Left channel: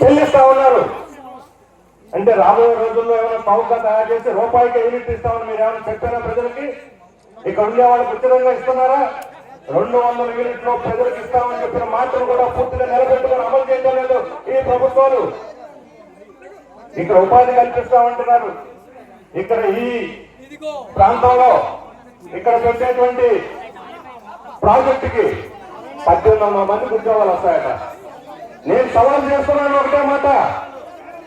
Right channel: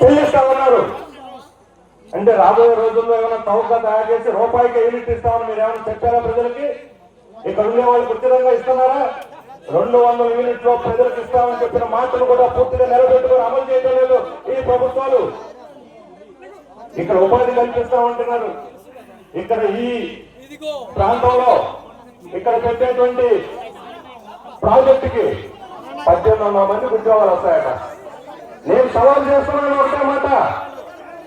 చెల్లిస్తా ఉన్నారు. అంటే రాబోయే రోజుల్లో ఏమైనా చౌకగా తయారు చేసి రూపాయికి యూనిట్ ఇస్తామని మీరు ఏమైనా చెప్పారా ప్రజలకి? ఇక్కడ ఉండే వాళ్ళకి ఉచితంగా ఇస్తున్నారా? 200 యూనిట్లు ప్రజలకు ఇస్తామని చెప్పిన మాటను కూడా పూర్తిగా నిలబెట్టుకొని అమలు చేయడం లేదు ఈ ప్రభుత్వాలు. ఇక్కడ ఉపాధి కల్పిస్తామంటున్నారు. ఇక్కడ ఈ ప్రాంతంలో ఇక్కడ పెట్టేటువంటి ప్రాజెక్టుకి 1800 మందికి ఉద్యోగాలు వస్తాయట. నేను సవాల్ చేస్తున్నాను ఒకటే మాట,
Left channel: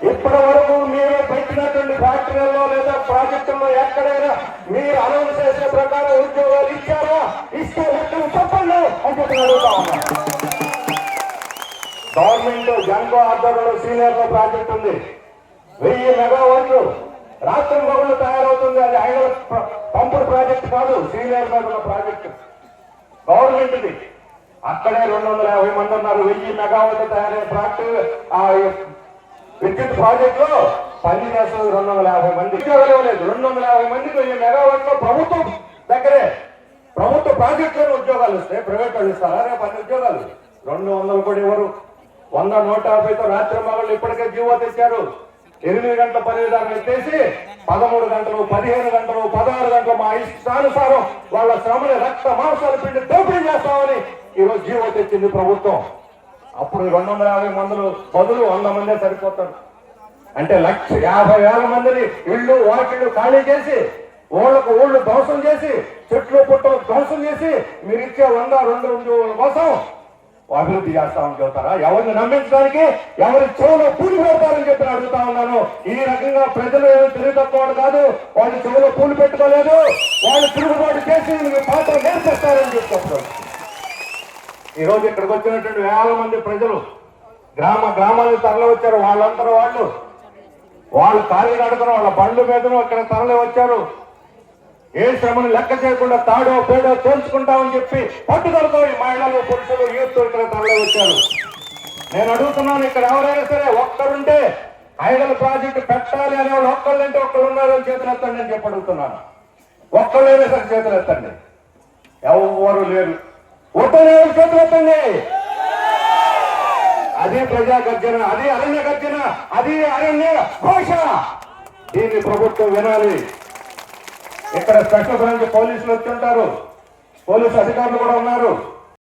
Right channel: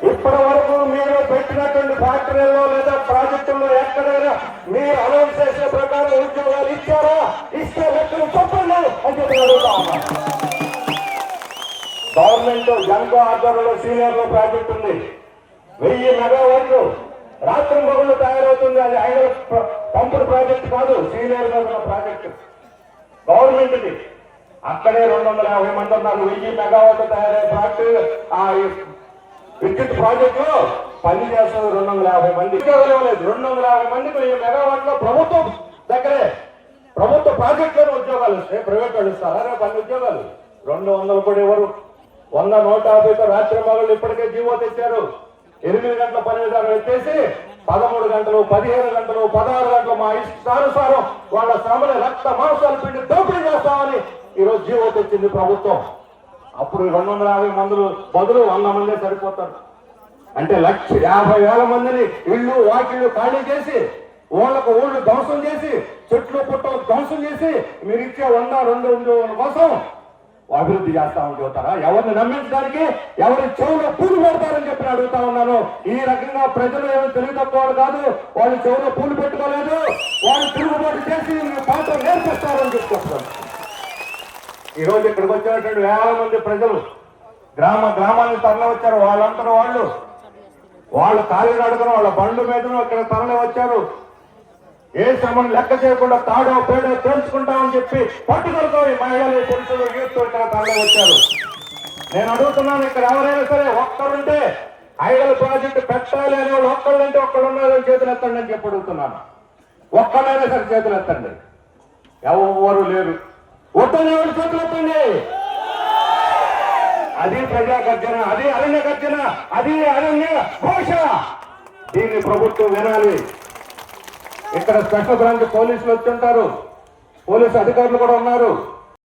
ఇప్పటి వరకు మీరు పెట్టినటువంటి ఫ్యాక్టరీల్లో లేదా ప్రాజెక్టుల్లో ఎక్కడైనా మీరు అనౌన్స్ చేసే ప్రకారం ఉద్యోగాలు ఇచ్చారా? ఇస్తే లెక్కలు చెప్పండి అని చెప్పి అడుగుతా ఉన్నా. గవర్నమెంట్ జన్కో ఆధ్వర్యంలో సీనియర్లో ప్రాజెక్ట్ ఉంది, 1000 మెగావాట్లు రాత్రి మొగుళ్ళు తయారవుతుంది. అది ఐడల్ పంపుడు ప్రాజెక్ట్ కాదు, సీనియర్ మెగా ప్రాజెక్టు గవర్నమెంట్ ఇది. అక్కడే 250 మంది ఉన్నారు. 1000 మెగావాట్లు తయారయ్యే ఫ్యాక్టరీ ఆ విద్యుత్ ప్రాజెక్ట్ లో పని చేస్తుంది 250 మంది. ఉద్యోగాలు లేదు. 250 మందికి 1000 మెగావాట్లో ప్రభుత్వం దగ్గరే ప్రభుత్వ ప్రాజెక్టులో ఉద్యోగాలు వస్తాయి. ప్రైవేట్ వాళ్ళు ఇస్తారా? 10 ఉద్యోగాలు 200 కూడా ఎవరు? 100 150తో రాత్రి మగళ్ళు ఇప్పటికే జీవో తెచ్చారు. 8 గంటల పని విధానం ఎత్తేసి 13 గంటలు, 15 గంటలు, 16 గంటలు మా ఇష్టానుసారం వాళ్ళ శ్రమని రక్త మాంసాలు పిండి దోపిడీ చేస్తామని ఈరోజు జీవో తెచ్చింది ప్రభుత్వం. అప్పుడు 250 మందులు బదులు 100 మందే సరిపోతారు. అంటే 1,50,000 మందిని ఇళ్ళు వాకిళ్ళు ఖాళీ చేసి ఊళ్ళకు ఊళ్ళు ధ్వంసం చేసి చెట్లు పుట్టలు ధ్వంసం చేసి మీరు ఇచ్చే 100-2 ఉద్యోగాల కోసం అభివృద్ధి చేస్తామని చెబుతారా? ఎవరిని నమ్మించడానికి ఎవరి చెవులో పూలు పెడతారని చెప్పి అడుగుతా ఉన్నాను. ఈ రకంగా ప్రజలు ఏదో తెలియతక్కువ కాదు, వాళ్ళు చెవులో పూలు పెట్టుకోలేదు, వాళ్ళు తిరుగుబాటు చేసి పాత్ర నేర్పిస్తారని చెప్తారు. ఈ రోజు ఇక్కడికి వచ్చినటువంటి 1000 మంది ప్రజలు గ్రామానికి తరలి వచ్చారు. వాళ్ళందరూ వాళ్ళు ఖాళీ అడుగుతారు, వాళ్ళ బండ్ల మీదను ఇక్కడ తరలి వచ్చారు. ఏ శ్రమను లెక్క చేయకుండా తాడో పేడో తేల్చుకుంటామని చెప్పి పట్టుదలతో ఈ మహిళలు పురుషులు యూత్ ఇక్కడ తరలి వచ్చారు. నేను అడుగుతున్నాను, ఇక్కడ ఎవరైనా సరే ఒక్కరుంటే ఐడల్ ప్రాజెక్టు పెట్టాలి అనే వాళ్ళు ఒక్కళ్ళంటే ఒక్కళ్ళు ఉన్నారో చేతులు ఎత్తండి అని చెప్పి అడుగుతున్నాను. ఒక్కళ్ళైనా సరే చేతులు ఎత్తండి. ఎవరు లేరు. ఒక్కనే చేతులు ఎత్తండి. అది ప్రజా గర్జన, అది అరణ్య గర్జన, అది అరణ్య ఘోష. దీన్ని ప్రభుత్వం వినాలి. ఇక్కడ స్పెషల్ బ్రాంచ్ పోలీసులు వచ్చి ఉంటారు, పోలీసు అధికారులు కూడా ఉన్నారు.